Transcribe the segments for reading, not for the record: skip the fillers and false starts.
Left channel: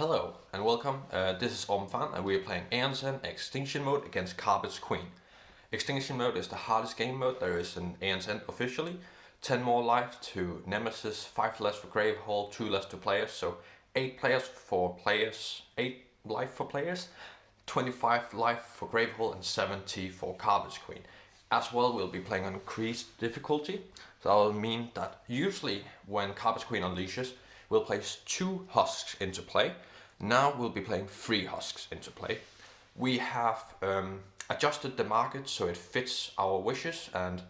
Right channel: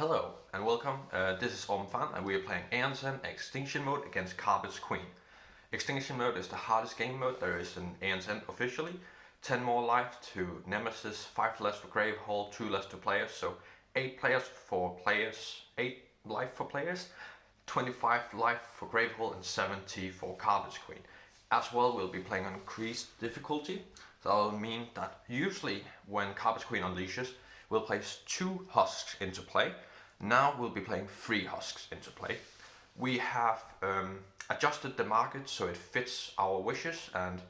Hello and welcome. This is Fan and we are playing Aeon Extinction mode against Carapace Queen. Extinction mode is the hardest game mode there is in Aeon officially. 10 more life to Nemesis, 5 less for Gravehold, 2 less to players, so 8 players for players, 8 life for players, 25 life for Gravehold and 70 for Carapace Queen. As well, we'll be playing an increased difficulty. So that will mean that usually when Carapace Queen unleashes, we'll place 2 husks into play. Now we'll be playing 3 husks into play. We have adjusted the market so it fits our wishes and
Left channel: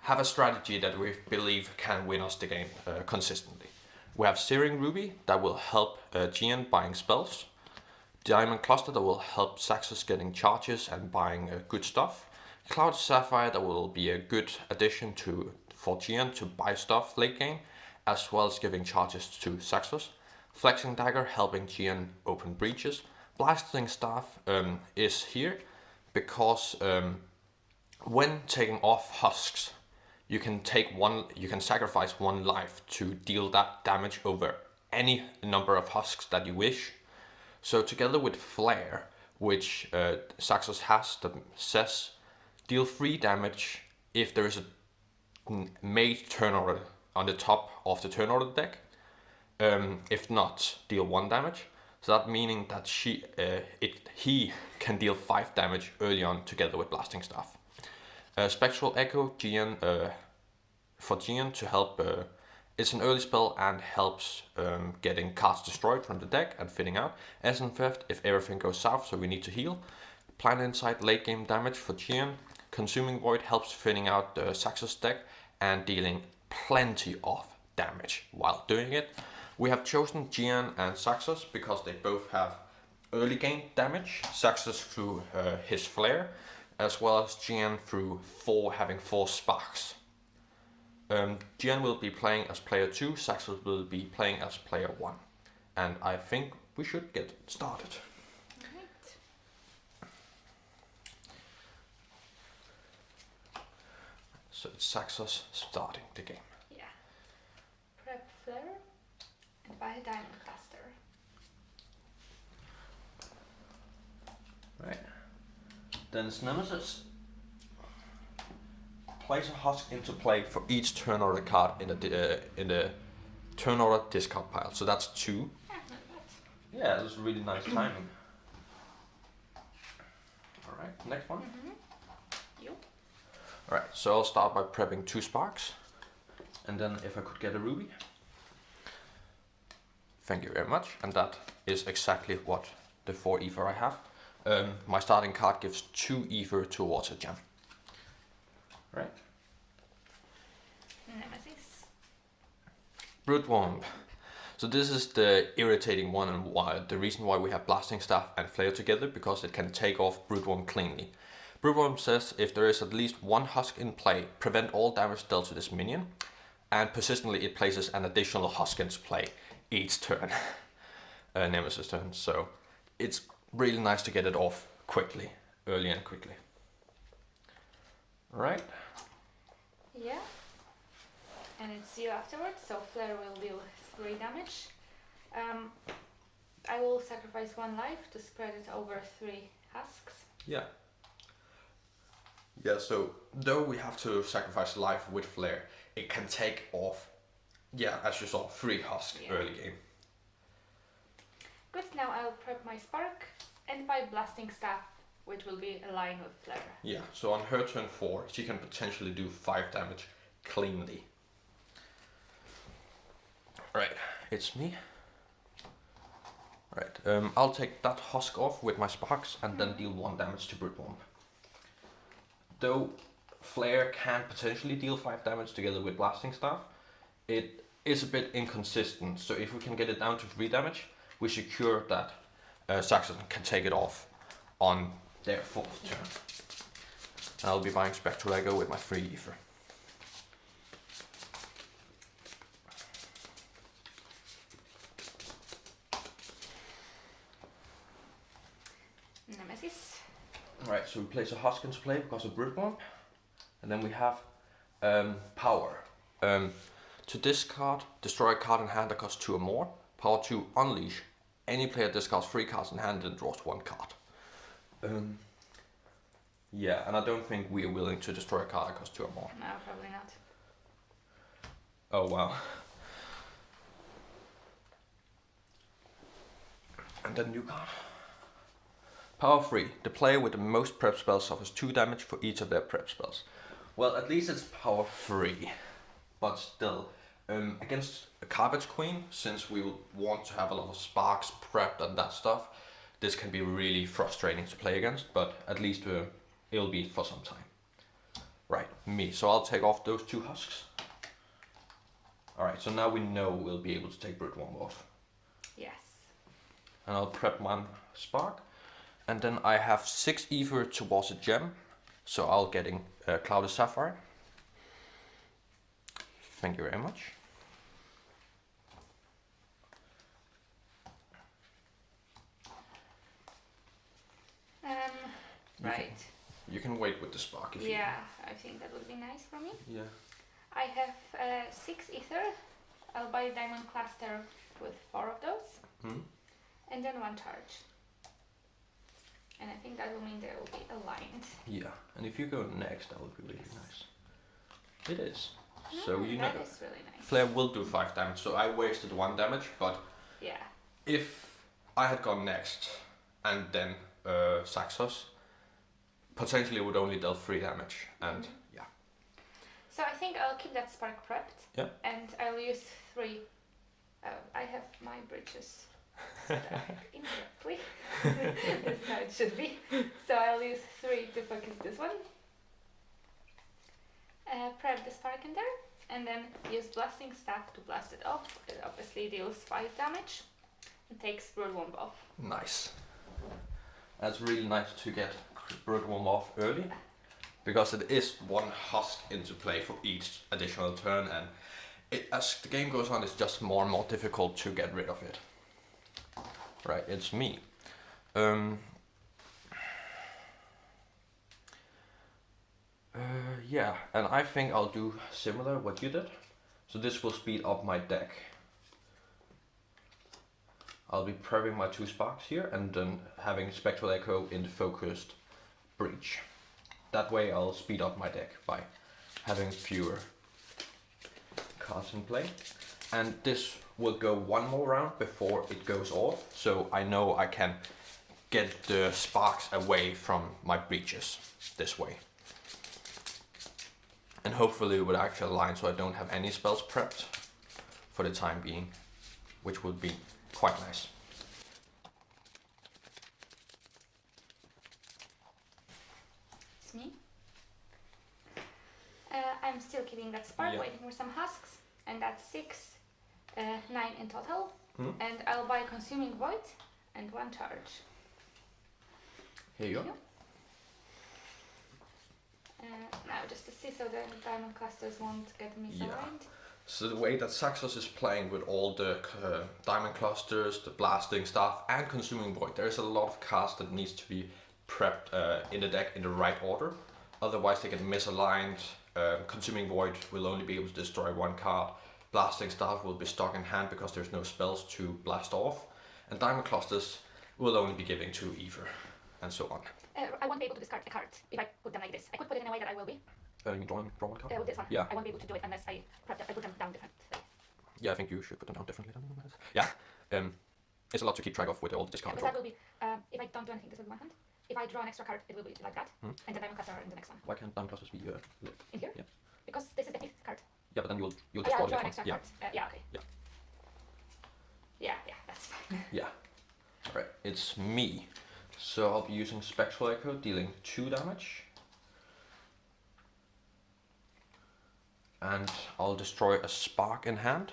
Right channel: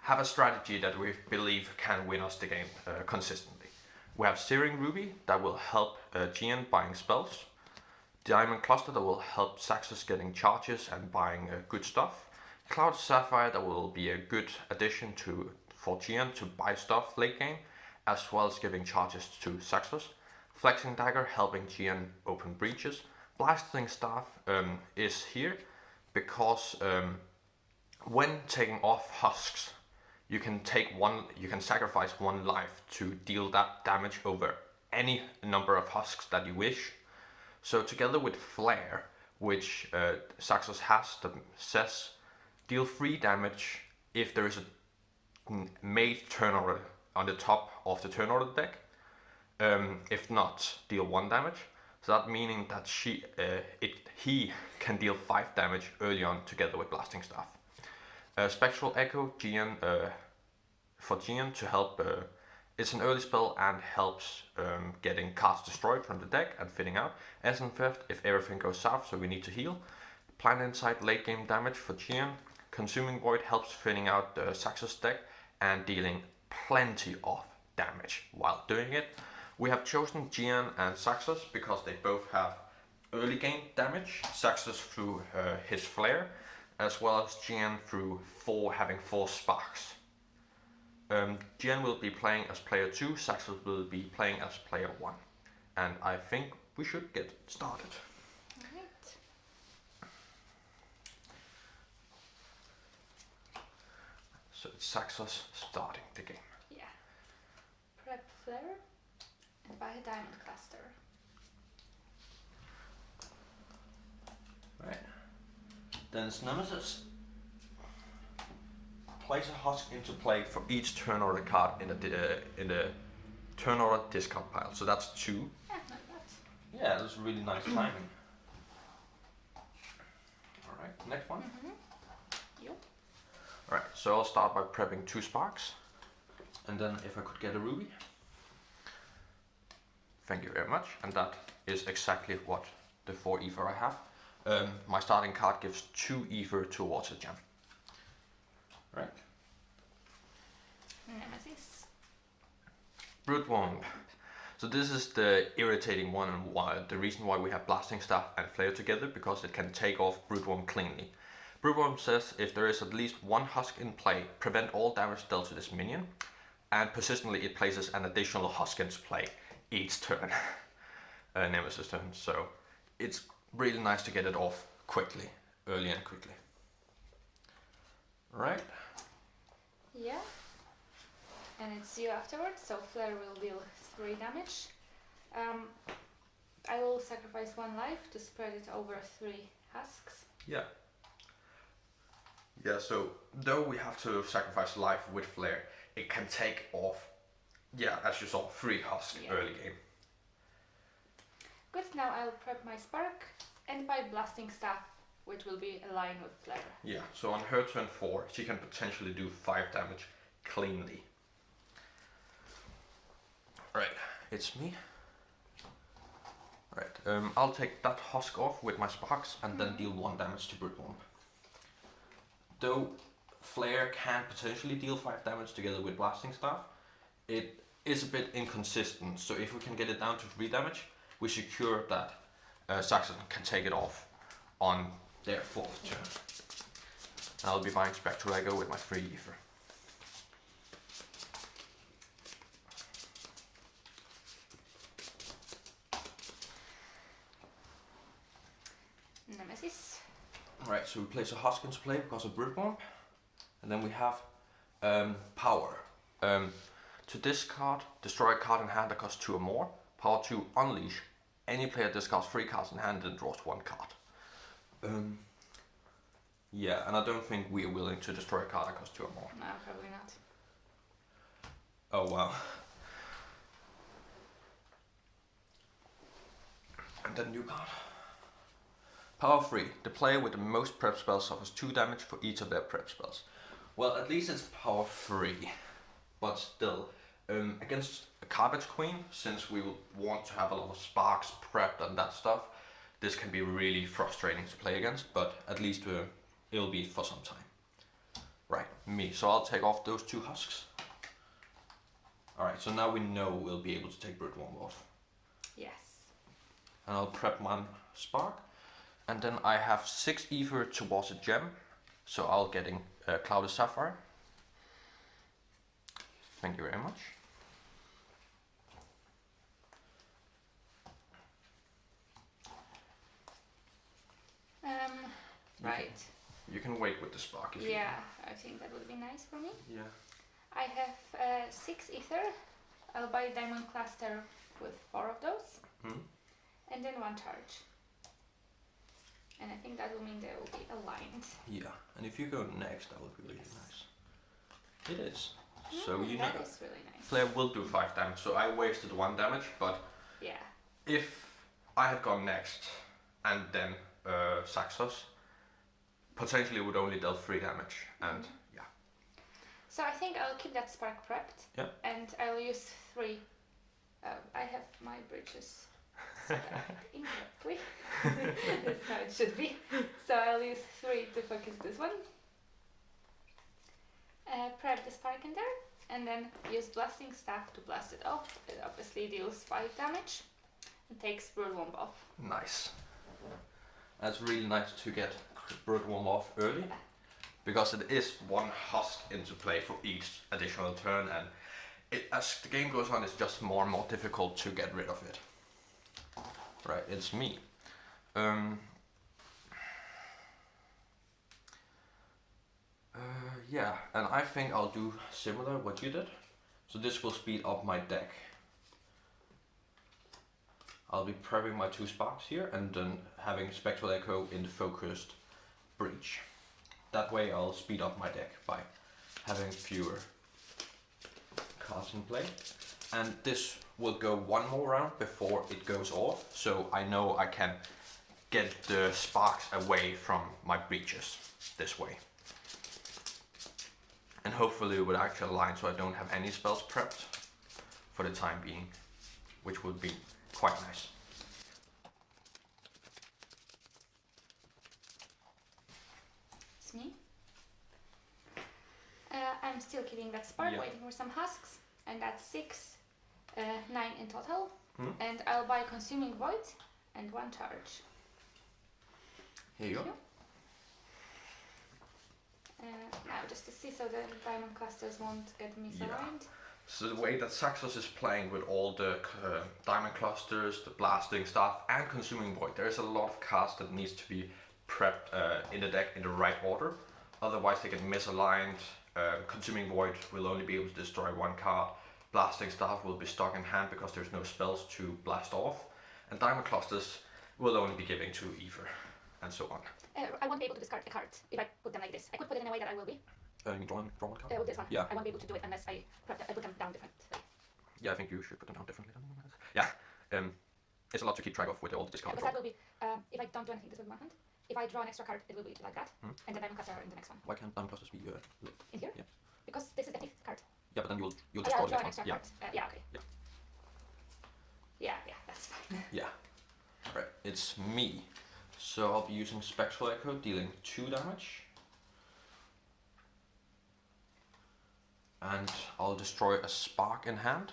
have a strategy that we believe can win us the game consistently. We have Searing Ruby that will help Jian buying spells. Diamond Cluster that will help Xaxos getting charges and buying good stuff. Clouded Saphire that will be a good addition for Jian to buy stuff late game, as well as giving charges to Xaxos. Flexing Dagger helping Jian open breaches. Blasting Staff is here because when taking off husks, you can sacrifice 1 life to deal that damage over any number of husks that you wish. So together with Flare, which Xaxos has, that says deal 3 damage if there is a made turn order on the top of the turn order deck. If not, deal 1 damage. So that meaning that he can deal 5 damage early on together with Blasting Staff. Spectral Echo Jian for Jian to help. It's an early spell and helps getting cards destroyed from the deck and fitting out. Essence Theft if everything goes south, so we need to heal. Plan Insight late game damage for Jian. Consuming Void helps thinning out the Xaxos deck and dealing plenty of damage while doing it. We have chosen Jian and Xaxos because they both have early game damage. Xaxos through his Flare, as well as Jian through having 4 sparks. Jian will be playing as player 2, Xaxos will be playing as player 1. And I think we should get started. Alright. So it's Xaxos starting the game. Yeah. Prep Flare and buy a Diamond Cluster. Right. Then it's Nemesis. Place a husk into play for each turn order card in the turn order discard pile. So that's 2. Yeah, not bad. Yeah, that's really nice timing. Alright, next one. Yep. Alright, so I'll start by prepping 2 sparks. And then if I could get a ruby. Thank you very much. And that is exactly what the 4 ether I have. My starting card gives 2 ether towards a gem. Right. Nemesis. Broodwomb. So this is the irritating one and the reason why we have Blasting Staff and Flare together, because it can take off Broodwomb cleanly. Broodwomb says if there is at least 1 husk in play, prevent all damage dealt to this minion, and persistently it places an additional husk into play each turn. Nemesis turn. So it's really nice to get it off quickly, early and quickly. Right. Yeah. And it's you afterwards, so Flare will deal 3 damage. I will sacrifice 1 life to spread it over 3 husks. Yeah. Yeah, so though we have to sacrifice life with Flare, it can take off, yeah, as you saw, 3 husks early game. Good, now I'll prep my Spark and buy Blasting Staff, which will be aligned with Flare. Yeah, so on her turn 4, she can potentially do 5 damage cleanly. Right, it's me. Right, I'll take that husk off with my sparks and then deal 1 damage to Broodwomb. Though Flare can potentially deal 5 damage together with Blasting Staff, it is a bit inconsistent, so if we can get it down to 3 damage, we secure that Xaxos can take it off on their 4th turn. And I'll be buying Spectral Echo with my 3 ether. Nemesis. Alright, so we place a husk into play because of Broodwomb. And then we have power. To discard, destroy a card in hand that costs 2 or more. Power 2, unleash Any player discards 3 cards in hand and draws 1 card. Yeah, and I don't think we are willing to destroy a card that costs 2 or more. No, probably not. Oh wow. And then new card. Power 3. The player with the most prep spells suffers 2 damage for each of their prep spells. Well, at least it's power 3. But still, against a Carapace Queen, since we will want to have a lot of sparks prepped and that stuff, this can be really frustrating to play against, but at least it'll be for some time. Right, me. So I'll take off those 2 husks. Alright, so now we know we'll be able to take Broodworm off. Yes. And I'll prep 1 spark. And then I have 6 Aether towards a gem, so I'll getting Clouded Saphire. Thank you very much. Right. You can wait with the spark if you Yeah, I think that would be nice for me. Yeah. I have 6 Aether. I'll buy a Diamond Cluster with 4 of those. And then 1 charge. And I think that will mean they will be aligned. Yeah, and if you go next, that would be really nice. It is. So you know that is really nice. player will do 5 damage, so I wasted 1 damage, but yeah, if I had gone next and then Xaxos, potentially would only dealt 3 damage, and yeah. So I think I'll keep that spark prepped. Yeah. And I'll use 3. I have my bridges set up incorrectly. That's how it should be. So I'll use 3 to focus this one. Prep the spark in there, and then use Blasting Staff to blast it off. It obviously deals 5 damage and takes Broodworm off. Nice. That's really nice to get Broodworm off early, because it is 1 husk into play for each additional turn, and as the game goes on, it's just more and more difficult to get rid of it. Right, it's me. Yeah, and I think I'll do similar what you did. So this will speed up my deck. I'll be prepping my 2 sparks here and then having Spectral Echo in the focused breach. That way I'll speed up my deck by having fewer cards in play. And this will go 1 more round before it goes off, so I know I can get the sparks away from my breaches this way. And hopefully it would actually align so I don't have any spells prepped for the time being, which would be quite nice. It's me. I'm still keeping that spark, waiting for some husks, and that's 6, 9 in total. And I'll buy Consuming Void and 1 charge. Here you go. Now just to see so the diamond clusters won't get misaligned. So the way that Xaxos is playing with all the diamond clusters, the blasting stuff, and consuming void, there's a lot of cards that needs to be prepped in the deck in the right order. Otherwise they get misaligned. Consuming void will only be able to destroy 1 card. Blasting stuff will be stuck in hand because there's no spells to blast off. And diamond clusters will only be giving to Aether, and so on. I won't be able to discard a card if I put them like this. I could put it in a way that I will be. You draw 1 card? With this one. Yeah. I won't be able to do it unless I put them down different. Yeah, I think you should put them down differently than Nemesis. Yeah. It's a lot to keep track of with all the discard. Because that will be, if I don't do anything, this will be 1 hand. If I draw an extra card, it will be like that. And the diamond cluster are in the next one. Why can't diamond clusters be in here? Yeah. Because this is the 5th card. Yeah, but then you'll I'll destroy draw an this extra one. card. Yeah, okay. Yeah, that's fine. Yeah. Alright, it's me. So I'll be using Spectral Echo, dealing 2 damage. And I'll destroy a spark in hand.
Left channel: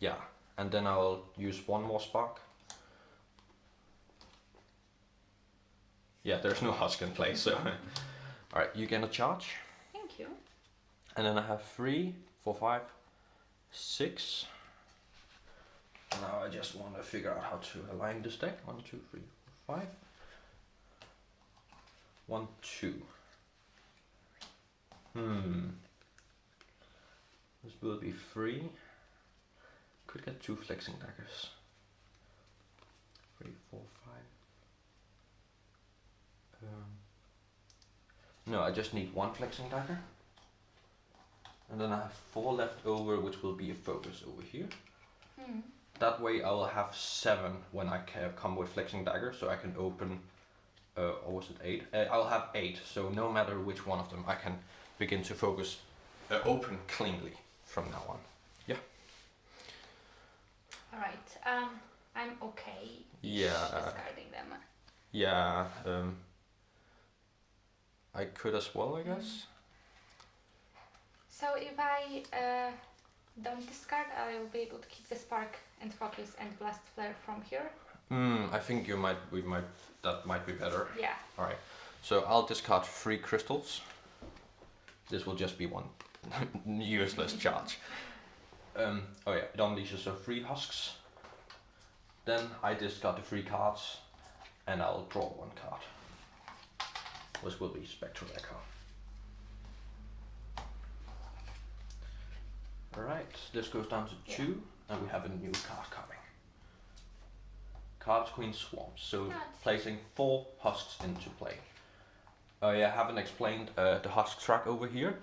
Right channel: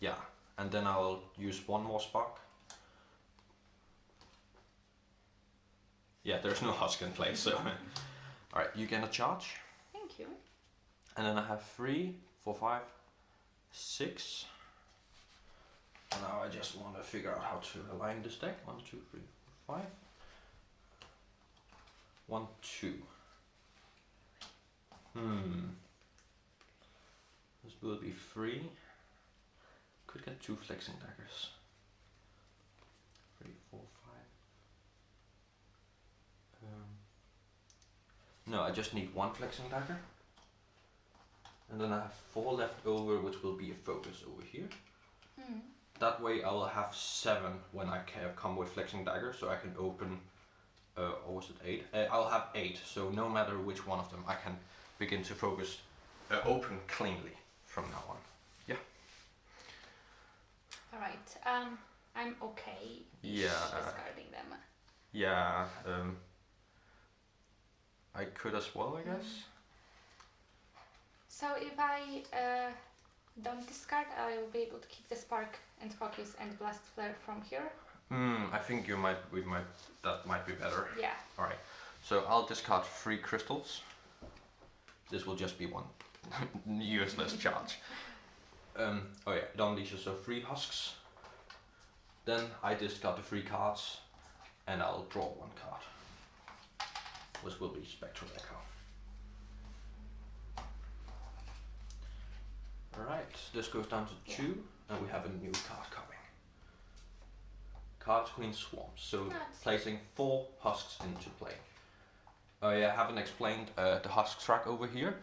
Yeah, and then I'll use 1 more spark. Yeah, there's no husk in place, so. Alright, you get a charge. Thank you. And then I have 3, 4, 5, 6. Now I just want to figure out how to align this deck. 1, 2, 3, 4, 5. 1, 2. This will be 3. could get 2 flexing daggers. 3, 4, 5. No, I just need 1 flexing dagger. And then I have 4 left over, which will be a focus over here. That way I will have 7 when I come with flexing dagger, so I can open, or was it 8? I'll have 8, so no matter which one of them, I can begin to focus, open cleanly from now on. Yeah. Alright, I'm okay discarding them. Yeah, I could as well, I guess. So if I don't discard, I will be able to keep the spark and focus and blast flare from here. I think that might be better. Yeah. Alright, so I'll discard 3 crystals. This will just be 1 useless charge. Oh yeah, it unleashes so 3 husks. Then I discard the 3 cards, and I'll draw 1 card, which will be Spectral Echo. Alright, this goes down to 2, and we have a new card coming. Card's Queen Swarms, so placing 4 husks into play. I haven't explained the husk track over here,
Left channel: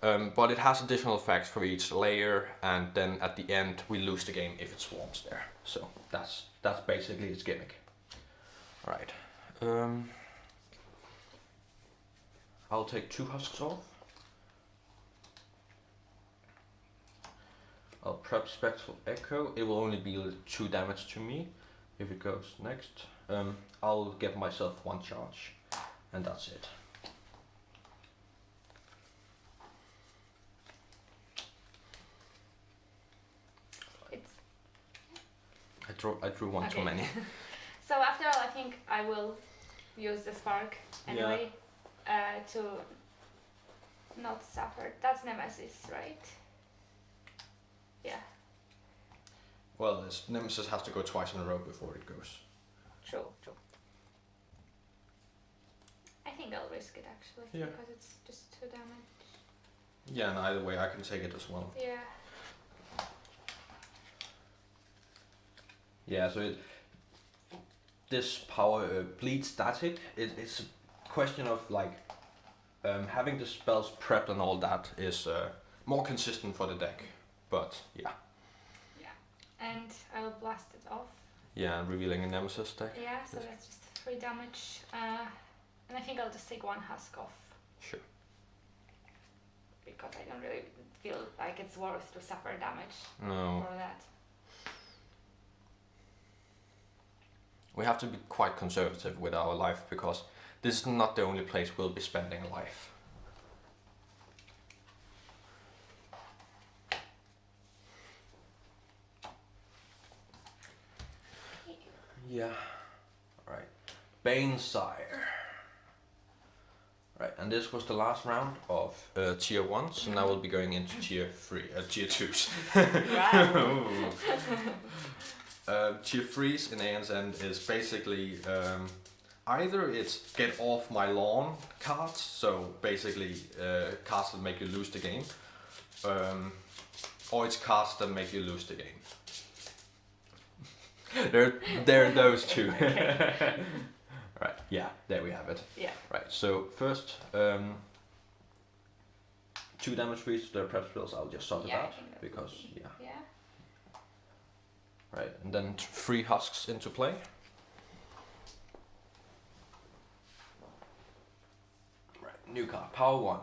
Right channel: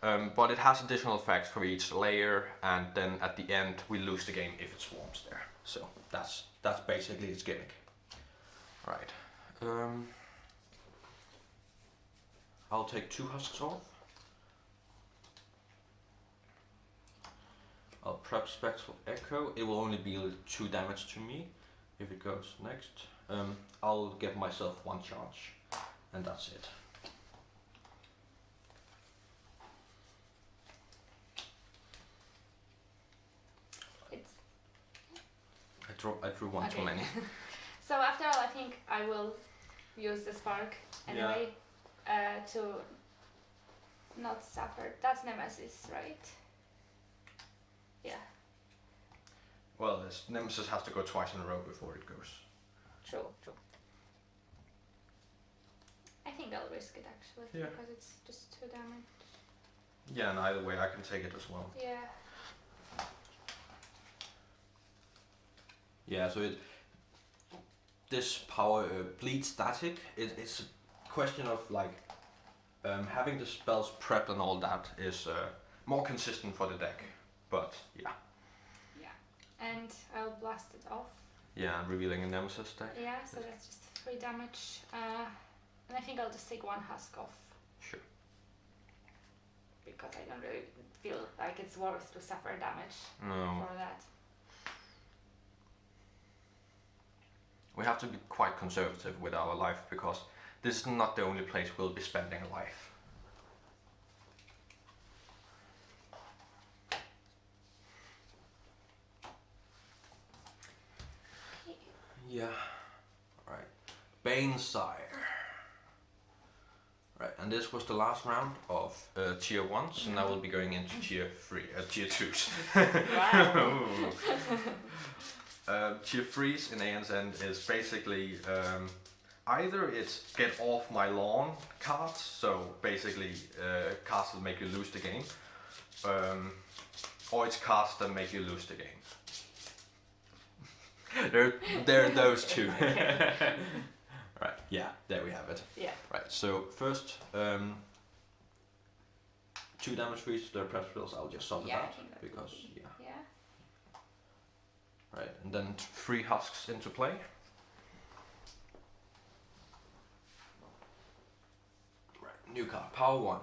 but it has additional effects for each layer, and then at the end we lose the game if it swarms there. So that's basically its gimmick. Alright, I'll take 2 husks off. I'll prep Spectral Echo. It will only be 2 damage to me if it goes next. I'll give myself 1 charge, and that's it. I drew 1 too many. So after all, I think I will use the spark anyway to not suffer. That's Nemesis, right? Yeah. Well, this Nemesis has to go twice in a row before it goes. True. I think I'll risk it actually, because it's just 2 damage. Yeah, and either way I can take it as well. Yeah. Yeah, so this power bleed static. It's a question of like having the spells prepped and all that is more consistent for the deck. But yeah. Yeah, and I'll blast it off. Yeah, revealing a Nemesis deck. Yeah, so that's just 3 damage. And I think I'll just take 1 husk off. Sure. Because I don't really feel like it's worth to suffer damage for that. We have to be quite conservative with our life, because this is not the only place we'll be spending a life. Yeah. Alright. Banesire. Right, and this was the last round of tier 1, so now we'll be going into tier 2s. Wow. Tier 3s in Aeon's End is basically either it's get off my lawn cards, so basically cards that make you lose the game, or it's cards that make you lose the game. There are those 2. Right, yeah, there we have it. Yeah. Right, so first 2 damage for each the prep spells, I'll just sort it out, because, yeah. Right, and then 3 husks into play. Right, new card, power 1.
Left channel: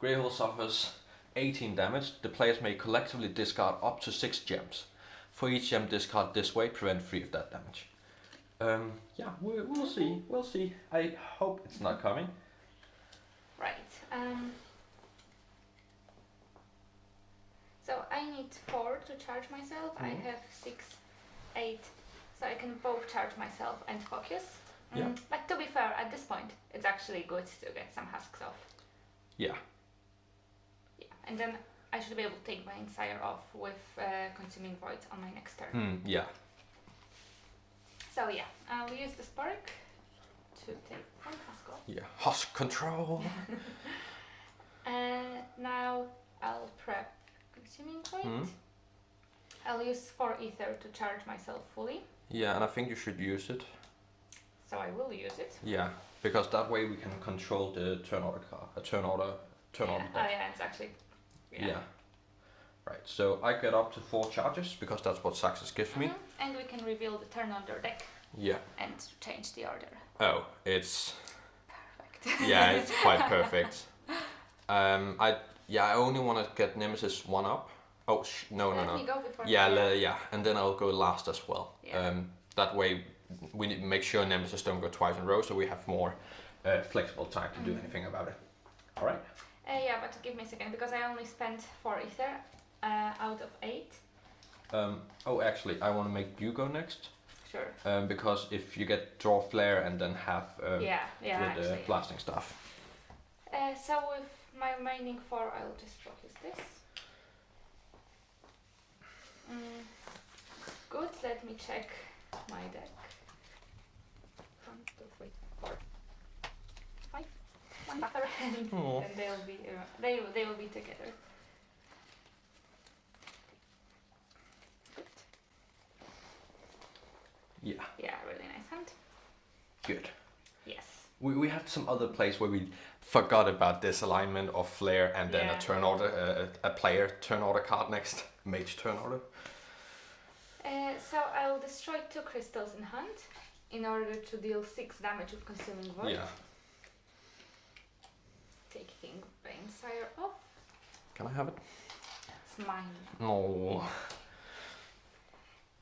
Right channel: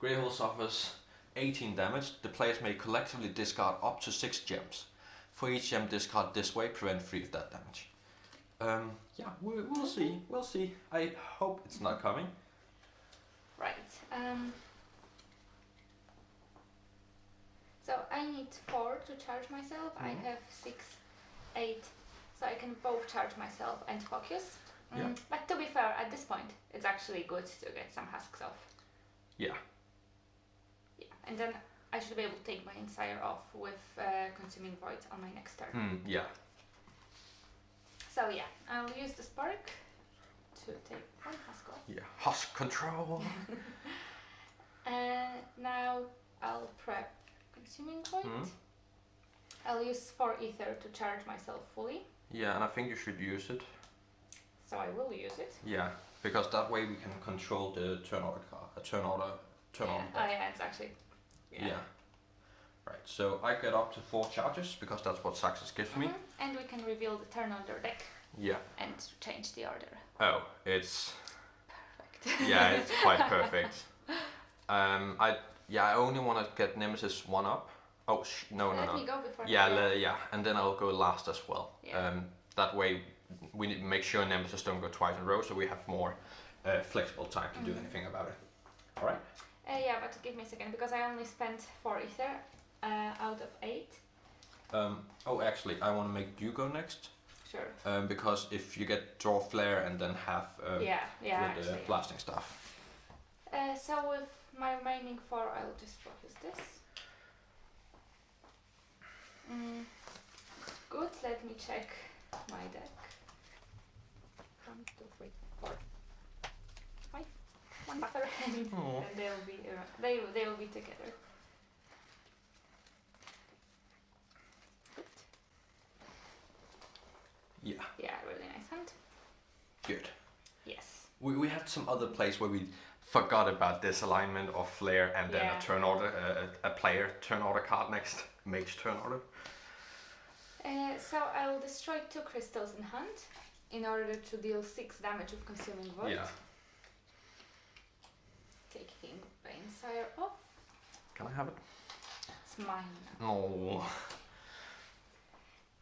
Gravehold suffers 18 damage. The players may collectively discard up to 6 gems. For each gem discard this way, prevent 3 of that damage. Yeah, we'll see. I hope it's not coming. Right. So I need 4 to charge myself. I have 6, 8, so I can both charge myself and focus. But to be fair, at this point, it's actually good to get some husks off. Yeah. Yeah, and then I should be able to take my Ensire off with Consuming Void on my next turn. Yeah. So yeah, I'll use the spark to take 1 husk off. Yeah, husk control. Now I'll prep Consuming Void. I'll use 4 Aether to charge myself fully. Yeah, and I think you should use it. So I will use it. Yeah, because that way we can control the turn order card. Turn order deck. Yeah, it's actually. Yeah. Right, so I get up to 4 charges because that's what Xaxos gives me. And we can reveal the turn order deck. Yeah. And change the order. Oh, it's perfect. Yeah, it's quite perfect. I only want to get Nemesis 1 up. Oh no. Let me go before. Yeah, and then I'll go last as well. Yeah. That way we need to make sure Nemesis don't go twice in a row, so we have more flexible time to do anything about it. All right. Yeah, but give me a second because I only spent 4 Aether out of 8. Actually, I want to make you go next. Sure. Because if you get draw flare and then have with the blasting stuff. So with my remaining 4, I'll just focus this. Good. Let me check my deck. 1, 2, 3, 4, 5. 1 buffer, and they will be together. Good. Yeah. Yeah, really nice hand. Good. Yes. We had some other plays where we forgot about this alignment of flare and then a turn order, a player turn order card next, mage turn order. So I'll destroy 2 crystals in hand in order to deal 6 damage with Consuming Void. Yeah. Taking Bainsire off. Can I have it? It's mine now. No.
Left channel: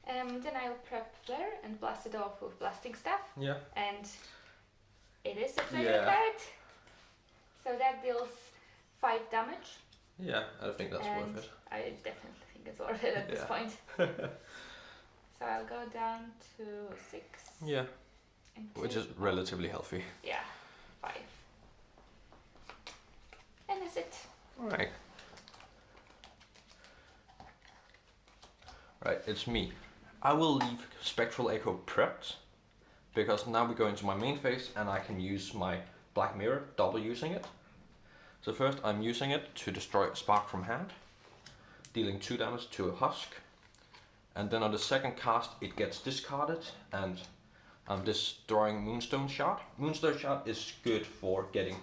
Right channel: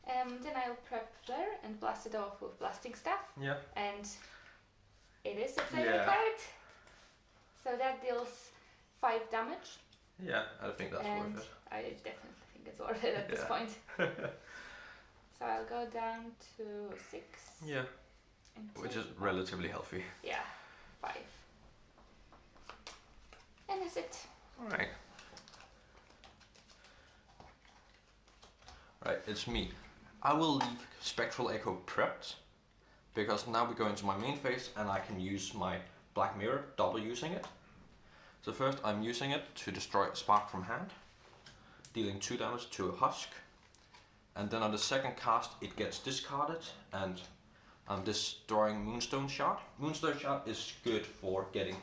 Then I'll prep Flare and blast it off with Blasting Staff. Yeah. And it is a player card. So that deals 5 damage. Yeah, I think that's worth it. I definitely think it's worth it at this point. So I'll go down to 6. Yeah. Which is relatively healthy. Yeah, 5. And that's it. Alright. Right, it's me. I will leave Spectral Echo prepped because now we go into my main phase and I can use my Black Mirror, double using it. So first I'm using it to destroy Spark from hand, dealing 2 damage to a Husk. And then on the second cast it gets discarded and I'm destroying Moonstone Shard. Moonstone Shard is good for getting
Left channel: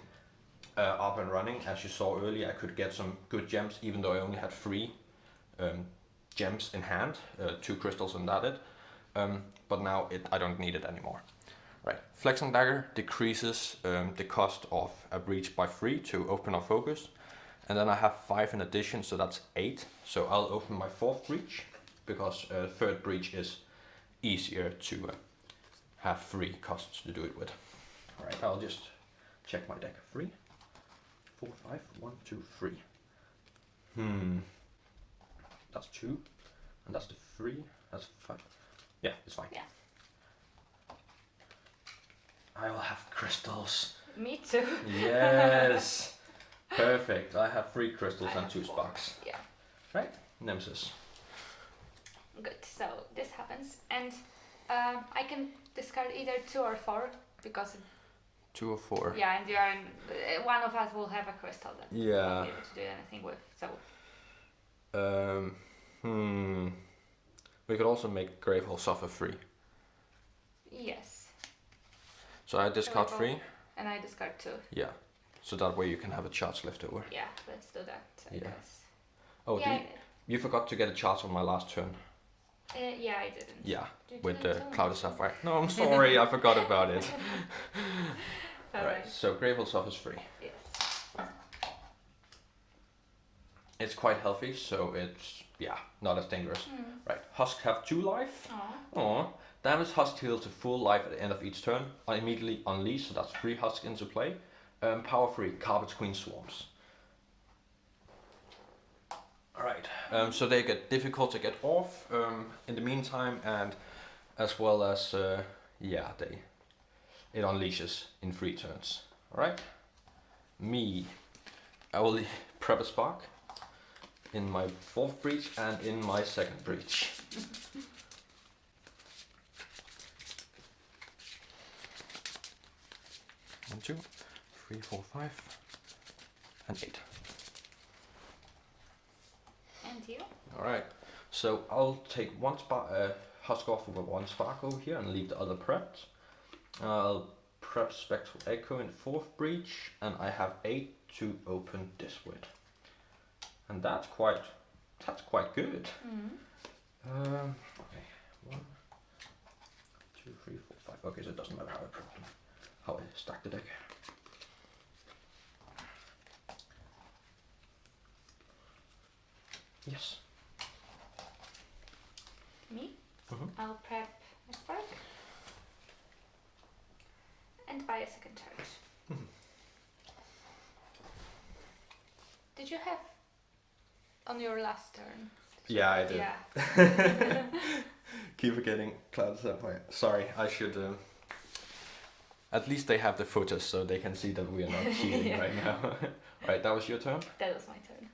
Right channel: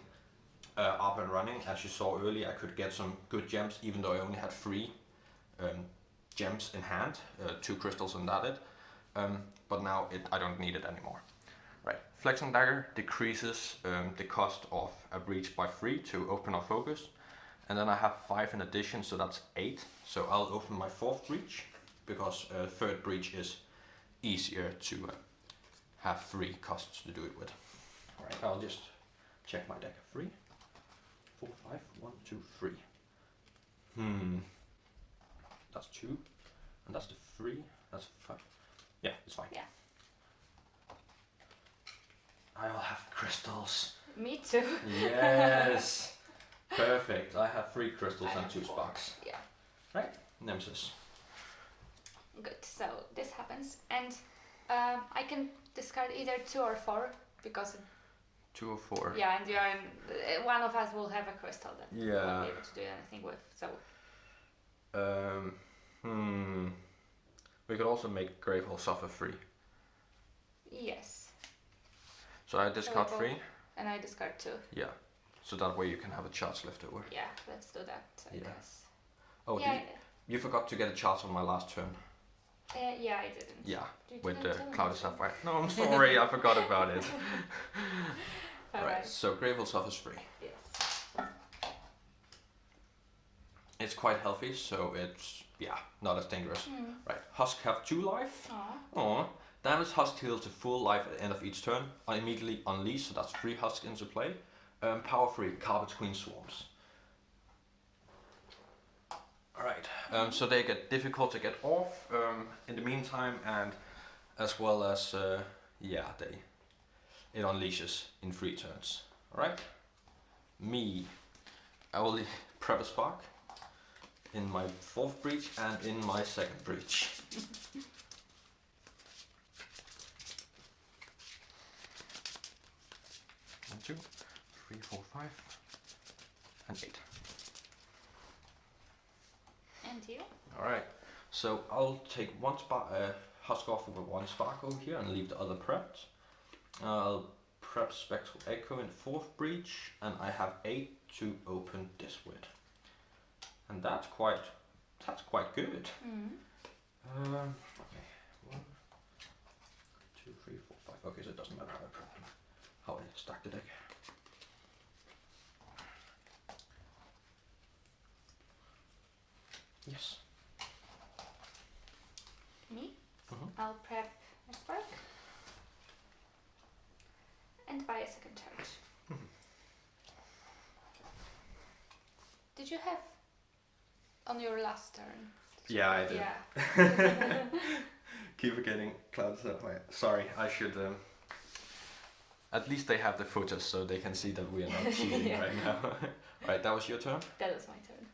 up and running. As you saw earlier, I could get some good gems even though I only had 3 gems in hand, 2 crystals and that but now I don't need it anymore. Right, Flexing Dagger decreases the cost of a breach by 3 to open or focus, and then I have 5 in addition, so that's 8. So I'll open my 4th breach because 3rd breach is easier to have 3 costs to do it with. Alright, I'll just check my deck. 3, 4, 5, 1, 2, 3. That's 2, and that's the 3, that's 5. Yeah, it's fine. Yeah. I will have crystals. Me too. Yes. Perfect. I have 3 crystals and 2 sparks. Yeah. Right, Nemesis. Good, so this happens, and I can discard either 2 or 4 because 2 or 4. Yeah, and you are one of us will have a crystal that we won't be able to do anything with. So we could also make Gravehold suffer 3. yes. So I discard 3. And I discard 2. Yeah. So that way you can have a charge left over. Yeah, let's do that, I guess. Oh, you forgot to get a charge on my last turn. Yeah, I didn't. Yeah, with the Clouded Saphire. No, I'm sorry, I forgot about it. Alright, so Gravehold suffers 3. Yes. It's quite healthy, so it's, not as dangerous. Right, Husk have 2 life. Aww. Damage Husk heal to full life at the end of each turn. I immediately unleash, so that's 3 Husk into play. Power 3, Carapace Queen Swarms. Alright, so they get difficult to get off in the meantime, and as well as, it unleashes in 3 turns. Alright, me, I will prep a spark in my 4th breach and in my 2nd breach. 1, 2, 3, 4, 5, and 8. And you? Alright, So I'll take one husk off with one spark over here and leave the other prepped. I'll prep Spectral Echo in 4th breach, and I have 8 to open this with. And that's quite good. Okay, 1, 2, 3, 4, 5. Okay, so it doesn't matter how I prep them, how I stack the deck. Yes. Me? Mhm. I'll prep a spark and buy a second charge. Did you have on your last turn? Yeah, I did. Yeah. Keep forgetting Clouded Saphire. Sorry, I should. At least they have the footage so they can see that we are not cheating Yeah. right now. Right, that was your turn? That was my turn.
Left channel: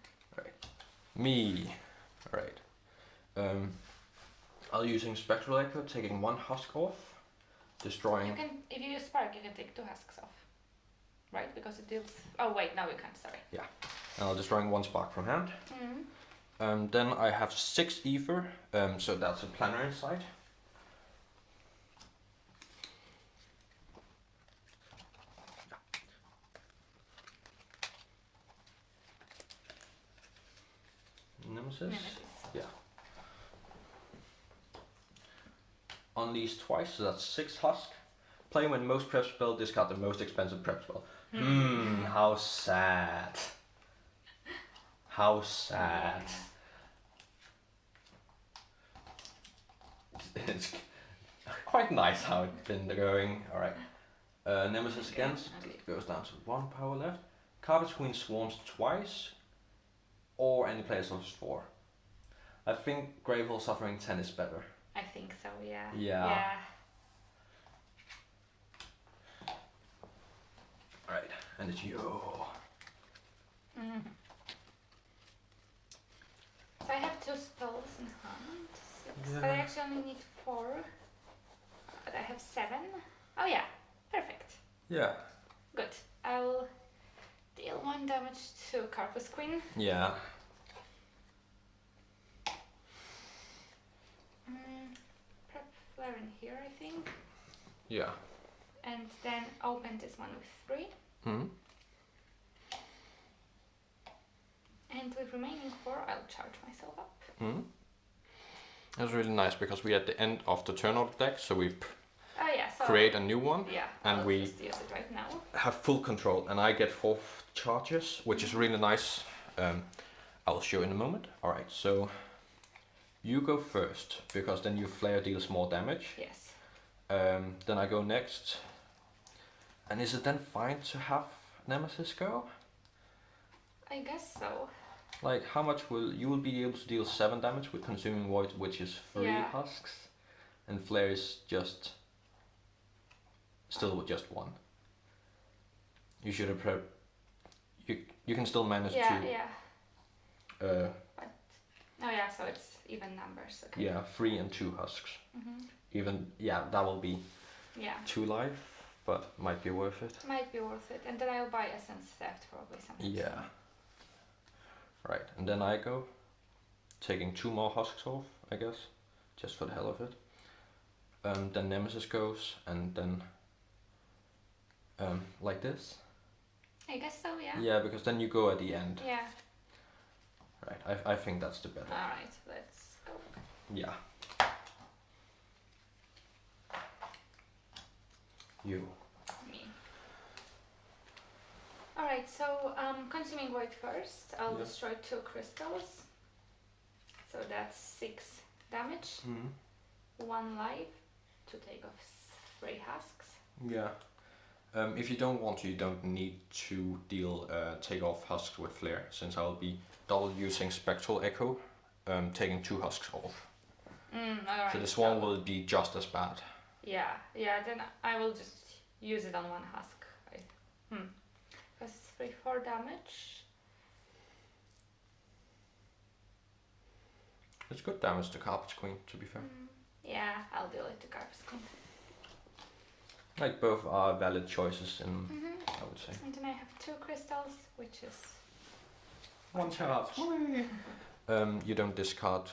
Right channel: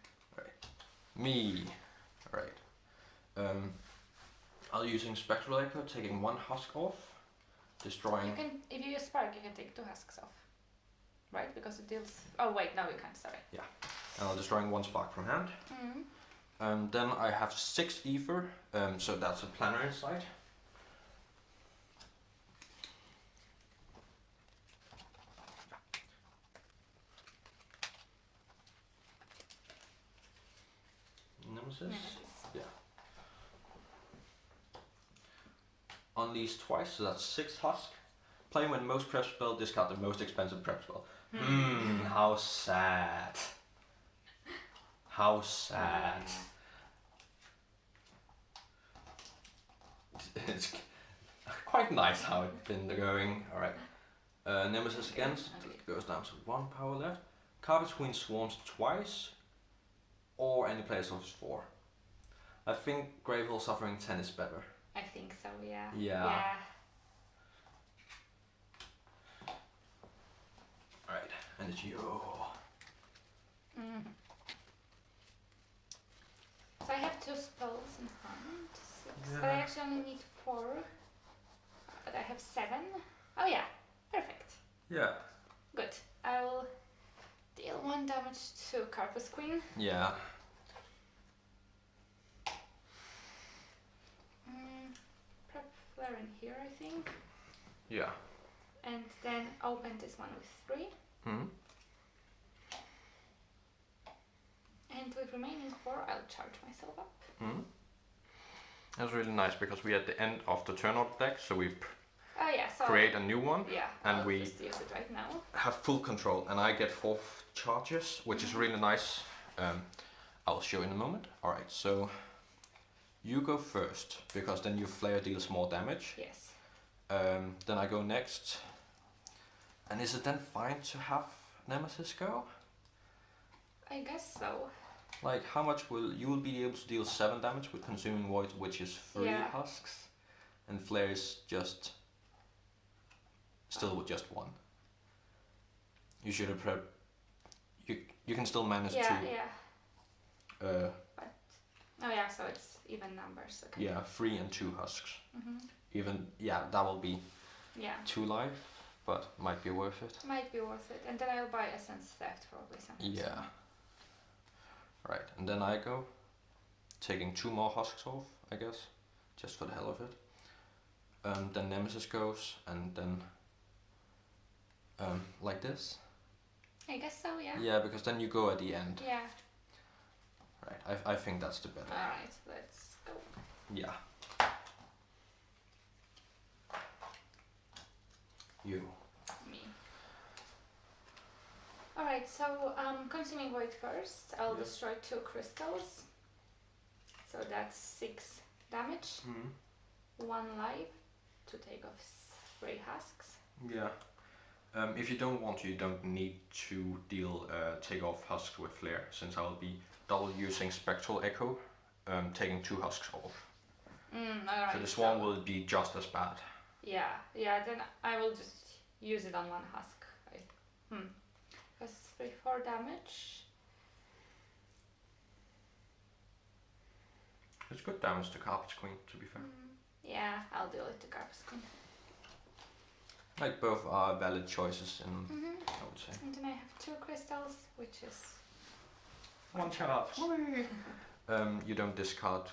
Me. Right. I'll using Spectral Echo, taking 1 husk off, destroying. You can, if you use spark, you can take 2 husks off, right? Because it deals. Oh wait, no, you can't. Sorry. And I'll destroying 1 spark from hand. Then I have 6 ether, so that's a planner inside. Nemesis. Yeah. On these twice, so that's 6 husk. Play when most prep spell, discard the most expensive prep spell. How sad. How sad. It's quite nice how it's been going. Alright. Nemesis against, it goes down to 1 power left. Carapace Queen swarms twice, or any player suffers 4. I think Gravehold suffering 10 is better. I think so. Yeah. Yeah. Alright, and it's you. So I have 2 spells in hand. 6. Yeah. But I actually only need 4. But I have 7. Oh yeah, perfect. Yeah. Good. I'll deal 1 damage to Carapace Queen. Yeah. Prep flare in here, I think. Yeah. And then open this one with 3. And with remaining 4, I'll charge myself up. That's really nice because we're at the end of the turn of the deck, so we Oh yeah, so create a new one. yeah, and I'll we just use it right now. have full control, and I get 4 charges, which is really nice. I'll show in a moment. Alright, so you go first, because then your flare deals more damage. Yes. Then I go next. And is it then fine to have Nemesis go? I guess so. Like, how much you will be able to deal 7 damage with Consuming Void, which is 3 husks, and flare is just still with just 1. You should have prepped. You can still manage to. Yeah. Oh yeah, so it's even numbers. Okay. Yeah, 3 and 2 husks. Even that will be 2 life, but might be worth it. Might be worth it, and then I'll buy Essence Theft probably something. Yeah. Right, and then I go, taking 2 more husks off, I guess, just for the hell of it. Then Nemesis goes, and then like this. I guess so. Yeah. Yeah, because then you go at the end. Yeah. Right, I think that's the better. All right, let's go. Yeah. You. Me. Alright, so Consuming Void first. I'll destroy 2 crystals. So that's 6 damage. 1 life to take off 3 husks. Yeah. If you don't want to, you don't need to deal take off husks with flare, since I'll be double using Spectral Echo, taking 2 husks off. Alright. So this one will be just as bad. Yeah, then I will just use it on 1 husk. Right? Because it's 3-4 damage. It's good damage to Carapace Queen, to be fair. Yeah, I'll deal it to Carapace Queen. Like, both are valid choices, in, I would say. And then I have 2 crystals, which is 1 charge. You don't discard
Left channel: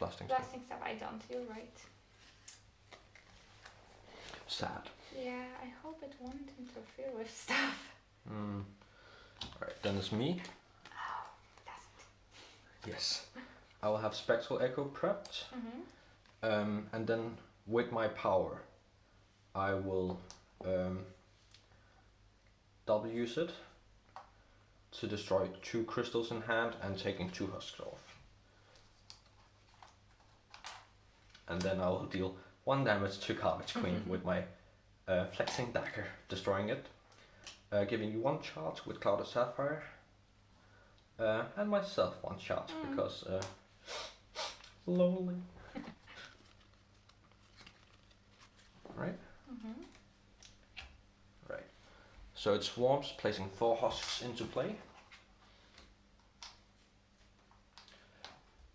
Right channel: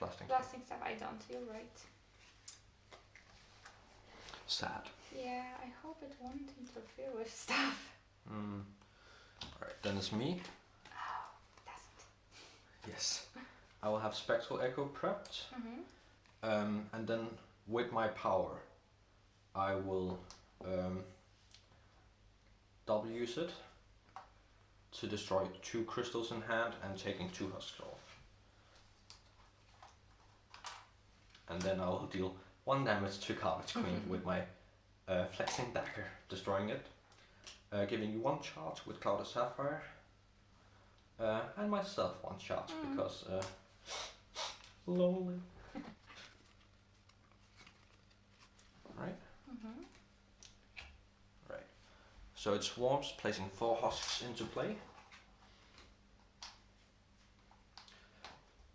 Blasting Staff. Blasting Staff, I don't, you're right. Sad. Yeah, I hope it won't interfere with stuff. Alright, then it's me. Oh, it doesn't. Yes. I will have Spectral Echo prepped. And then with my power, I will double use it to destroy 2 crystals in hand and taking 2 husks off. And then I will deal 1 damage to Carapace Queen with my flexing dagger, destroying it. Giving you 1 charge with Clouded Saphire. And myself 1 charge because lonely. Right? Right. So it swarms, placing 4 husks into play.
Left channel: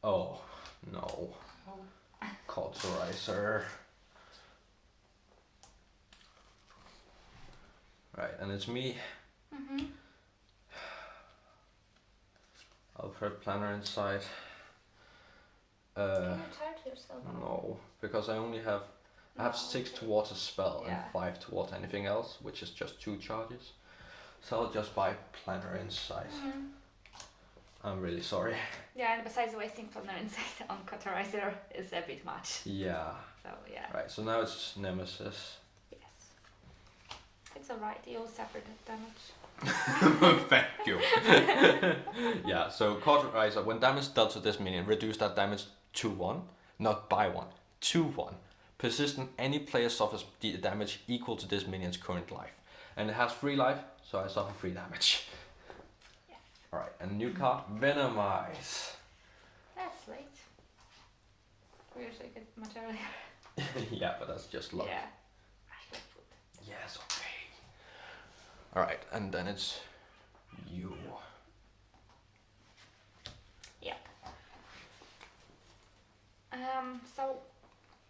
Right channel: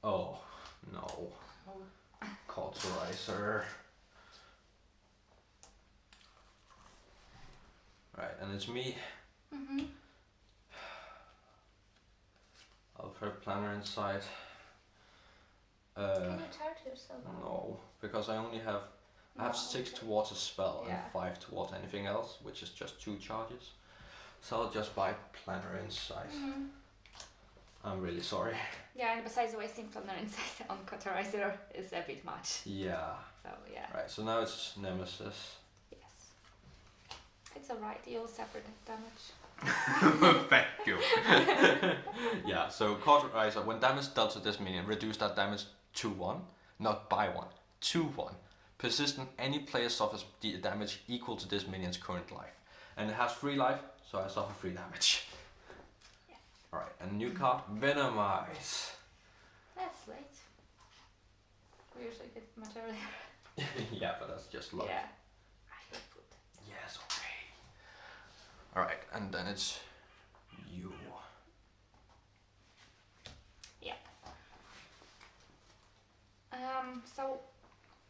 Oh no. Cauterizer. Right, and it's me. I'll put Planner inside. Can you charge yourself? No, because I only have I have 6 towards a spell and 5 towards anything else, which is just 2 charges. So I'll just buy Planner Insight. I'm really sorry. Yeah, and besides wasting Planner Insight on Cauterizer is a bit much. Yeah. So yeah. Right, so now it's Nemesis. Yes. It's alright, you'll suffer damage. Thank you. Yeah, so Cauterizer, when damage dealt to this minion, reduce that damage to 1, not by 1, to 1. Persistent, any player suffers damage equal to this minion's current life. And it has 3 life, so I suffer 3 damage. Yes. Alright, and new card, Venomize. That's late. We usually get much earlier. Yeah, but that's just luck. Yeah. Yes, okay. Alright, and then it's you. Yep. So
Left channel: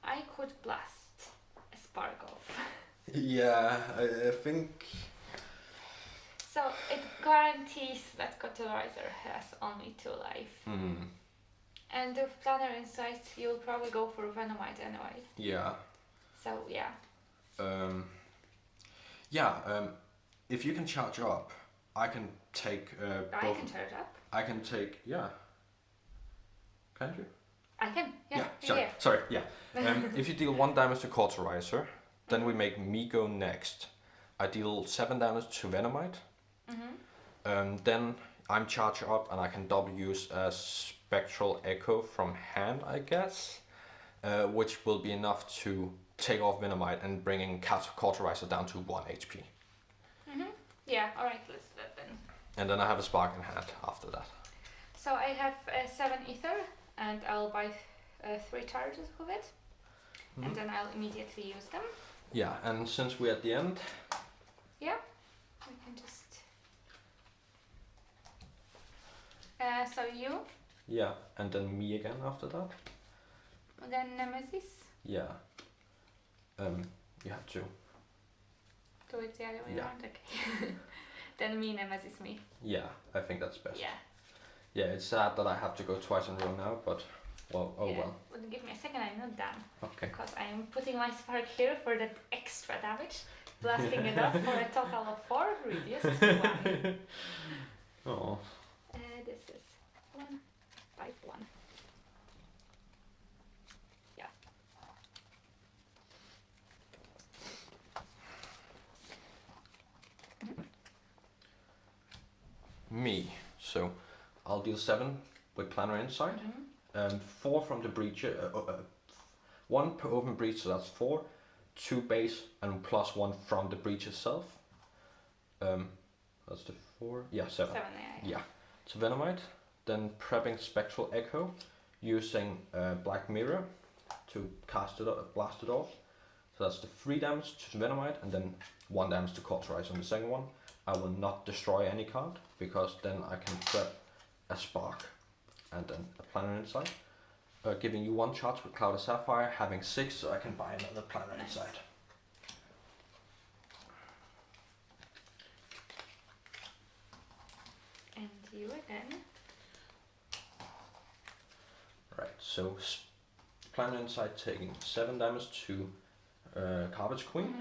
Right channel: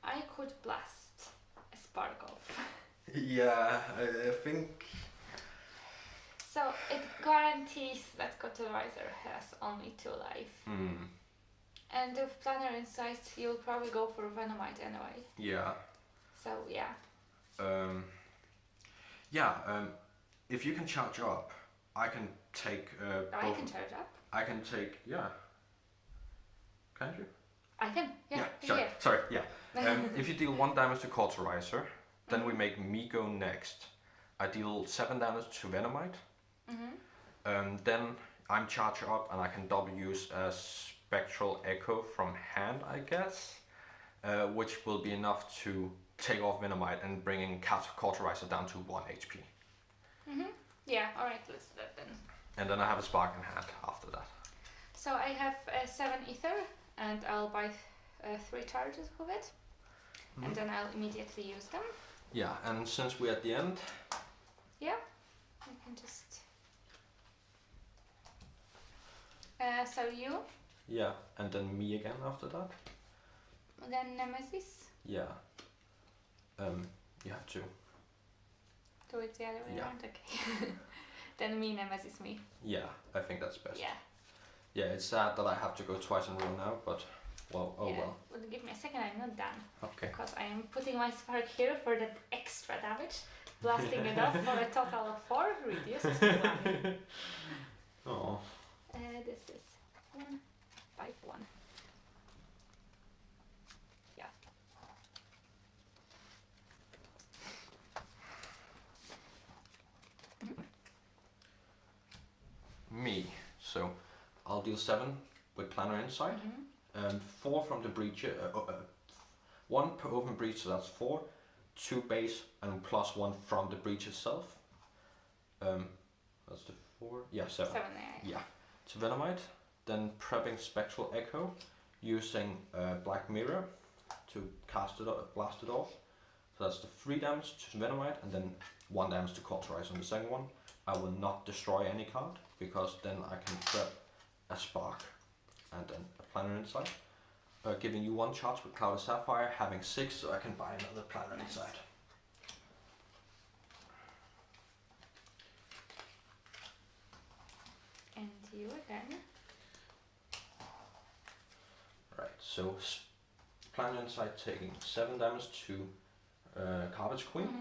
I could blast a spark off. Yeah, I think... So it guarantees that Cauterizer has only 2 life. And with Planner Insight, you'll probably go for Venomite anyway. Yeah. So yeah. If you can charge up, I can take I can charge up. I can take, yeah. Can you? I can, yeah. Sorry, yeah. If you deal 1 damage to Cauterizer, then we make me go next. I deal 7 damage to Venomite. Then I'm charged up and I can double use a Spectral Echo from hand, I guess. Which will be enough to take off Venomite and bringing Cauterizer down to 1 HP. Yeah, alright, let's do that then. And then I have a Spark in hand after that. So I have 7 Aether, and I'll buy 3 charges of it. And then I'll immediately use them. Yeah, and since we're at the end... Yeah, I can just... so you? Yeah, and then me again after that. Then Nemesis. Yeah. You have to. Do it the other way Yeah. around? Okay. Then me, Nemesis, me. Yeah, I think that's best. Yeah. Yeah, it's sad that I have to go twice in a row now, but well, oh yeah. well. Well, give me a second, I'm not done. Okay. Because I am putting my spark here for that extra damage. Blasting it off for a total of 4, reduced to 1. Oh. This is 1, 5, 1. Yeah. Me. So I'll deal 7 with Planner Insight. 4 from the breach. 1 per open breach, so that's 4. 2 base and plus 1 from the breach itself. That's the 4. Yeah, 7. 7, Yeah. So Venomite. Then prepping Spectral Echo, using Black Mirror to cast it, blast it off. So that's the 3 damage to Venomite, and then 1 damage to Cauterize on the second one. I will not destroy any card, because then I can prep a Spark and then a Planner Insight. Giving you 1 charge with Clouded Saphire, having 6, so I can buy another Planner Insight. And you again. Right. So Planet Inside taking 7 damage to Carapace Queen.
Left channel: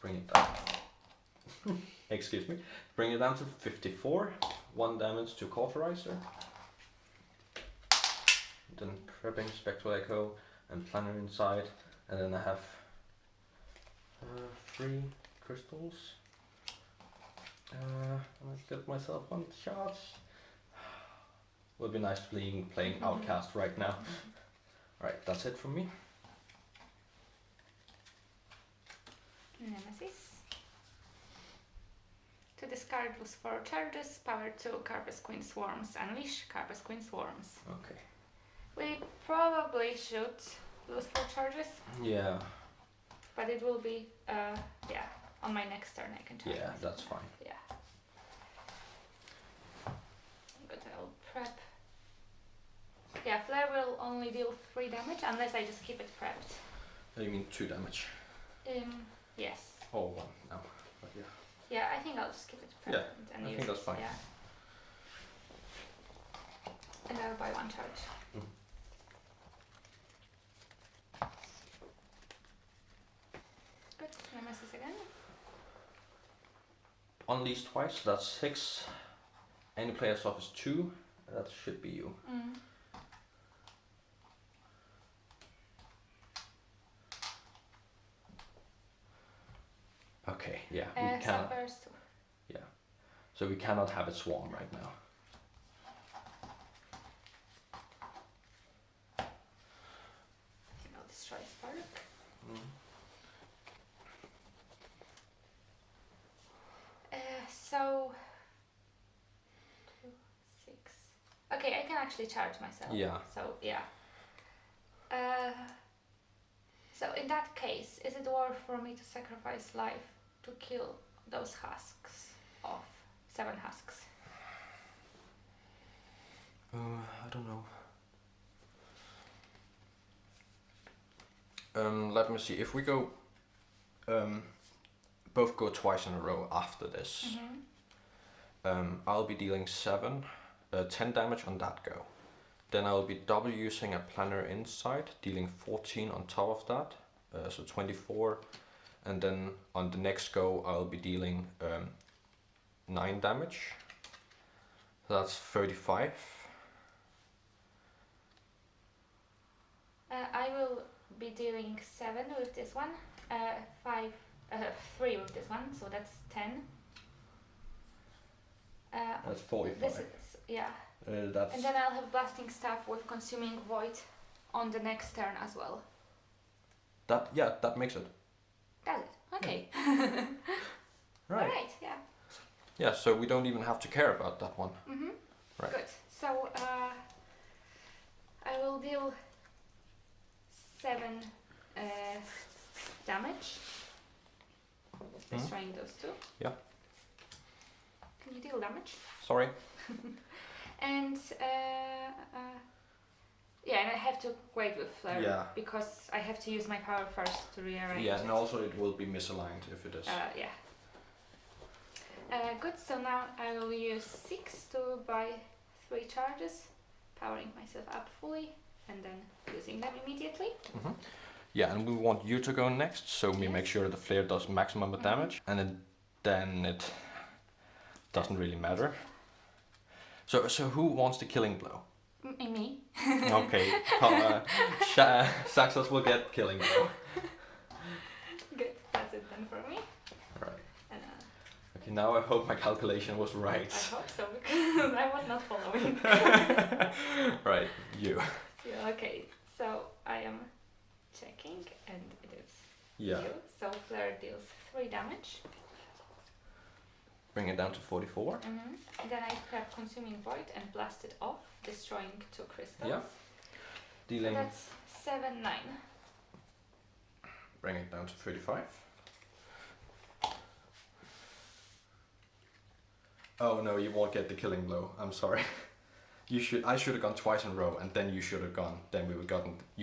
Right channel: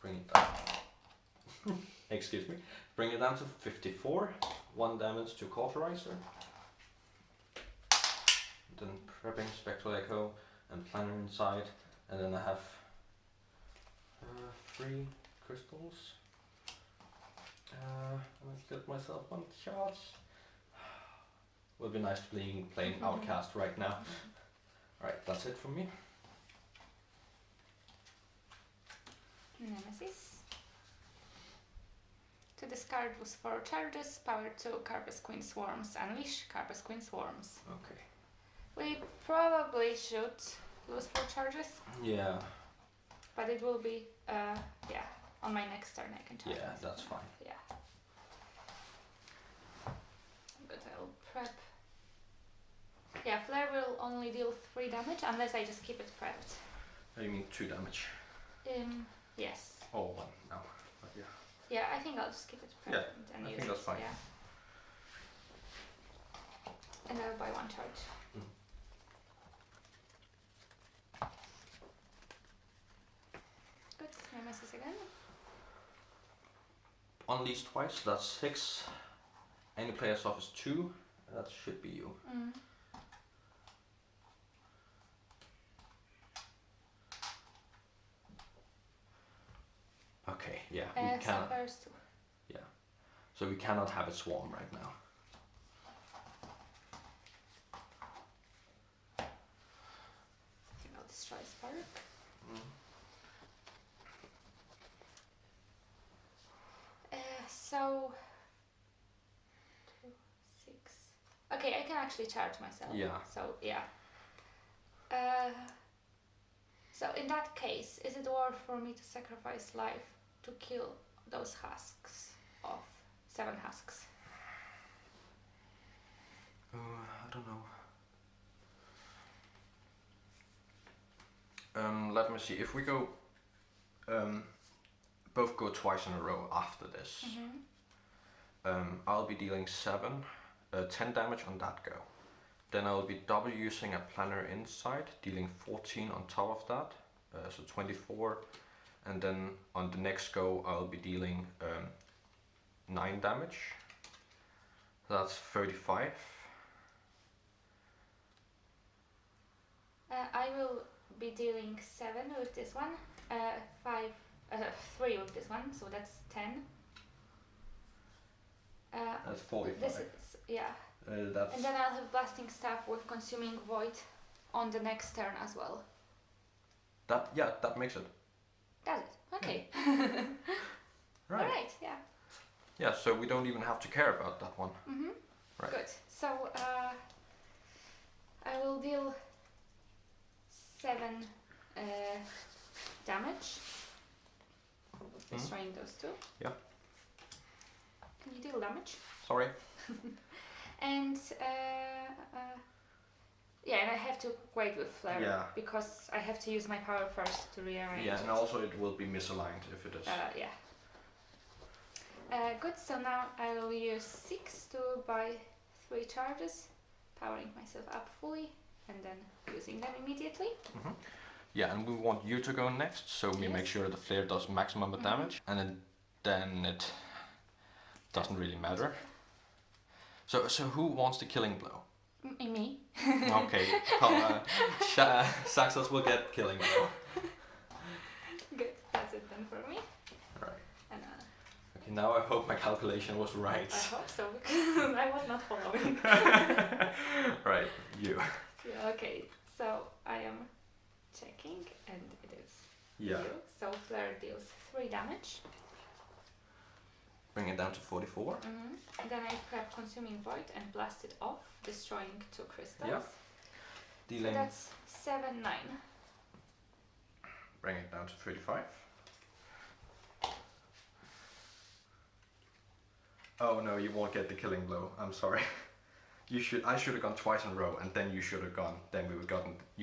Bring it down. Excuse me. Bring it down to 54. 1 damage to Cauterizer. Then prepping Spectral Echo and Planet Inside. And then I have 3 crystals. I'll get myself 1 charge. Would be nice playing Outcast right now. Alright, that's it from me. Nemesis. To discard lose 4 charges, power 2, Carapace Queen Swarms, unleash Carapace Queen Swarms. Okay. We probably should lose 4 charges. Yeah. But it will be, on my next turn I can charge. Yeah, that's fine. Yeah. Good, I'll prep. Yeah, Flare will only deal 3 damage unless I just keep it prepped. You mean 2 damage? Yes. Oh, 1 now. But yeah. Yeah, I think I'll just keep it prepped. Yeah, and I use think that's fine. Yeah. And I'll buy 1 charge. Good, Nemesis again. Unleash twice, that's 6. Any player suffers 2, that should be you. Okay, yeah, we cannot. First. Yeah, so we cannot have it swarm right now. I'll destroy Spark. So 2, 6. Okay, I can actually charge myself. Yeah. So yeah. So in that case, is it worth for me to sacrifice life to kill those husks of 7 husks? I don't know. Let me see. If we go, both go twice in a row after this, I'll be dealing 10 damage on that go. Then I'll be double using a Planner Inside, dealing 14 on top of that, so 24. And then on the next go, I'll be dealing 9 damage. So that's 35. I will be dealing 7 with this one, 3 with this one, so that's 10. That's 45. This is, yeah. That's And then I'll have Blasting Staff with Consuming Void on the next turn as well. that makes it. Does it? Okay. Right. Alright, yeah. Yeah, so we don't even have to care about that one. Right. Good. So I will deal 7 damage. Destroying those 2. Yeah. Can you deal damage? Sorry. And yeah, and I have to wait with Flare. Yeah. Because I have to use my power first to rearrange. Yeah, it. and also it will be misaligned if it is. Yeah. Good, so now I will use 6 to buy 3 charges, powering myself up fully, and then using them immediately. Yeah, and we want you to go next, so we Yes. make sure the flare does maximum damage, and then it doesn't really matter. So who wants the killing blow? Me. Okay, Xaxos will get killing blow. Good, that's it then for me. Right. And, Okay, now I hope my calculation was right. I hope so, because I was not following. Right, you. Yeah, okay, so I am checking, and it is Yeah. 2. So Flare deals 3 damage. Bring it down to 44. Then I prep Consuming Void and blast it off, destroying 2 crystals. Yeah. Dealing. So that's 7, 9. Bring it down to 35. Oh no, you won't get the killing blow. I'm sorry. I should have gone twice in a row, and then you should have gone. Then you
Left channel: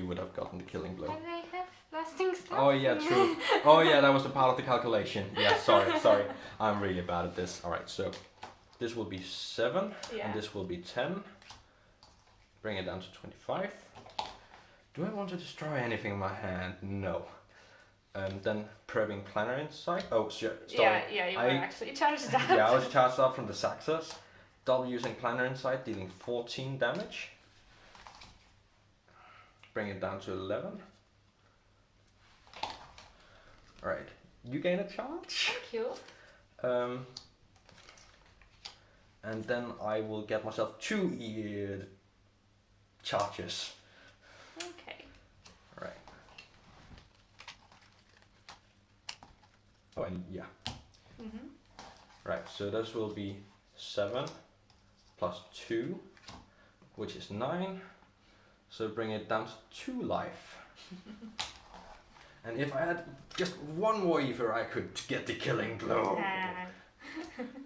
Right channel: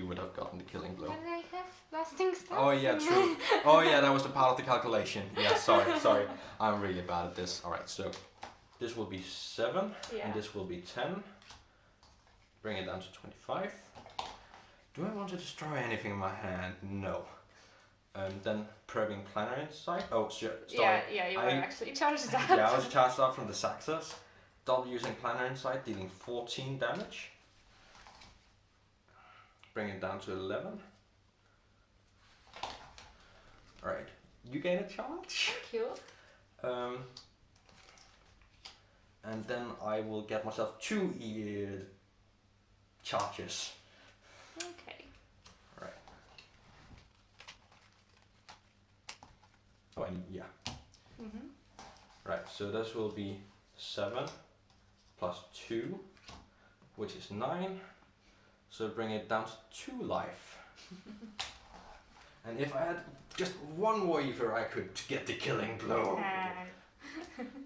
would have gotten the killing blow. And I have Blasting Staff. Oh yeah, true. Oh yeah, that was a part of the calculation. Yeah, sorry. I'm really bad at this. All right, so this will be 7, Yeah. and this will be 10. Bring it down to 25. Do I want to destroy anything in my hand? No. Then prepping Planetary Insight. Oh, sure. Yeah, you were actually charged up. Yeah, I was charged up from the Xaxos. Double using Planetary Insight, dealing 14 damage. Bring it down to 11. Alright, you gain a charge. Thank you. And then I will get myself 2 charges. Okay. Alright. Oh, and yeah. Right, so this will be 7 plus 2, which is 9. So bring it down to 2 life. And if I had just one more Aether, I could get the killing blow.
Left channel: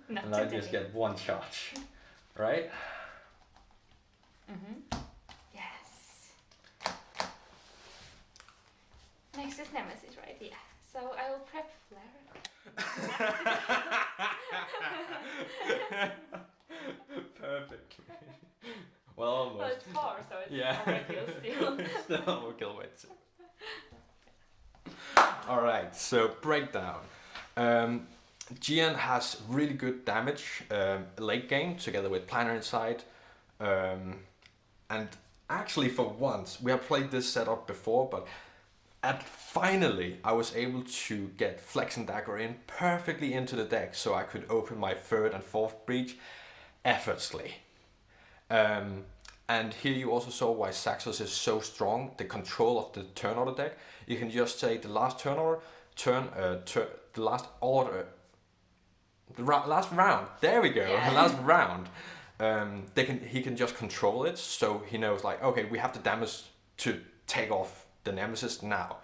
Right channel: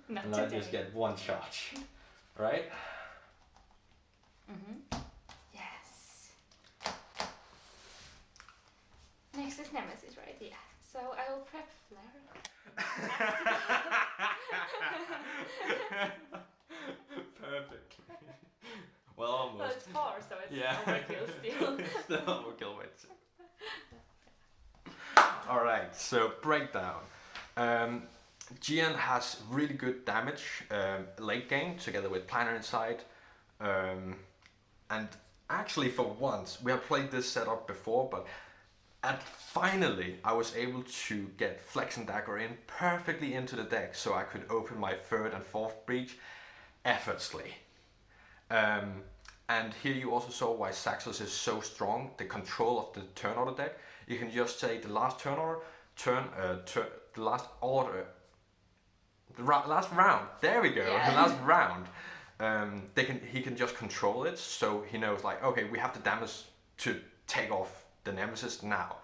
Not And I today. just get 1 charge. Right? Yes. Next is Nemesis, right? Yeah. So I will prep Flare. Perfect. Well, almost. Well, it's 4, so it's Yeah. overkill still. Still overkill, but. Alright, so breakdown. Jian has really good damage late game together with Planetary Insight. And actually, for once, we have played this setup before, but finally I was able to get Flex and Dagger in perfectly into the deck so I could open my 3rd and 4th breach effortlessly. And here you also saw why Xaxos is so strong, the control of the turn order deck. You can just say the last turn order, the last order, last round, there we go, Yeah. last round. He can just control it, so he knows like, okay, we have the damage to take off the Nemesis now.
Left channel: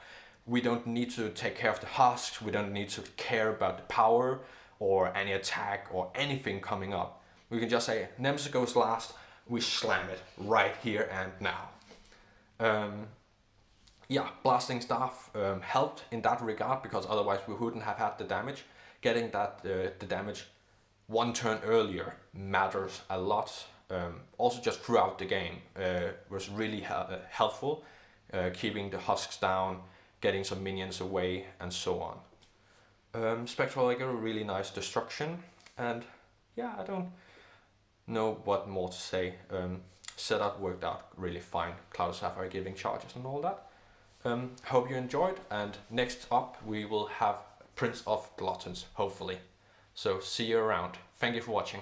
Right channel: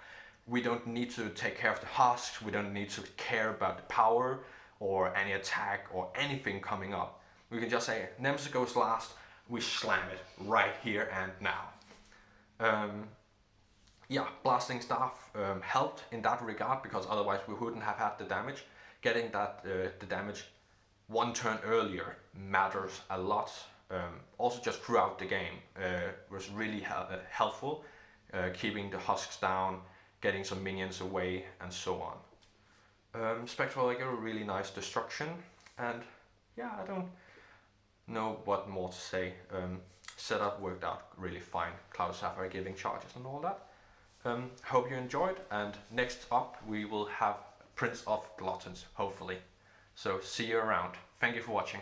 We don't need to take care of the husks, we don't need to care about the power or any attack or anything coming up. We can just say, Nemesis goes last, we slam it right here and now. Yeah, Blasting Staff helped in that regard because otherwise we wouldn't have had the damage. Getting that the damage 1 turn earlier matters a lot. Also just throughout the game was really helpful. Keeping the husks down, getting some minions away and so on. Spectral Eagle, really nice destruction, and yeah, I don't know what more to say. Setup worked out really fine. Clouded Saphire giving charges and all that. Hope you enjoyed, and next up we will have Prince of Gluttons, hopefully. So see you around. Thank you for watching.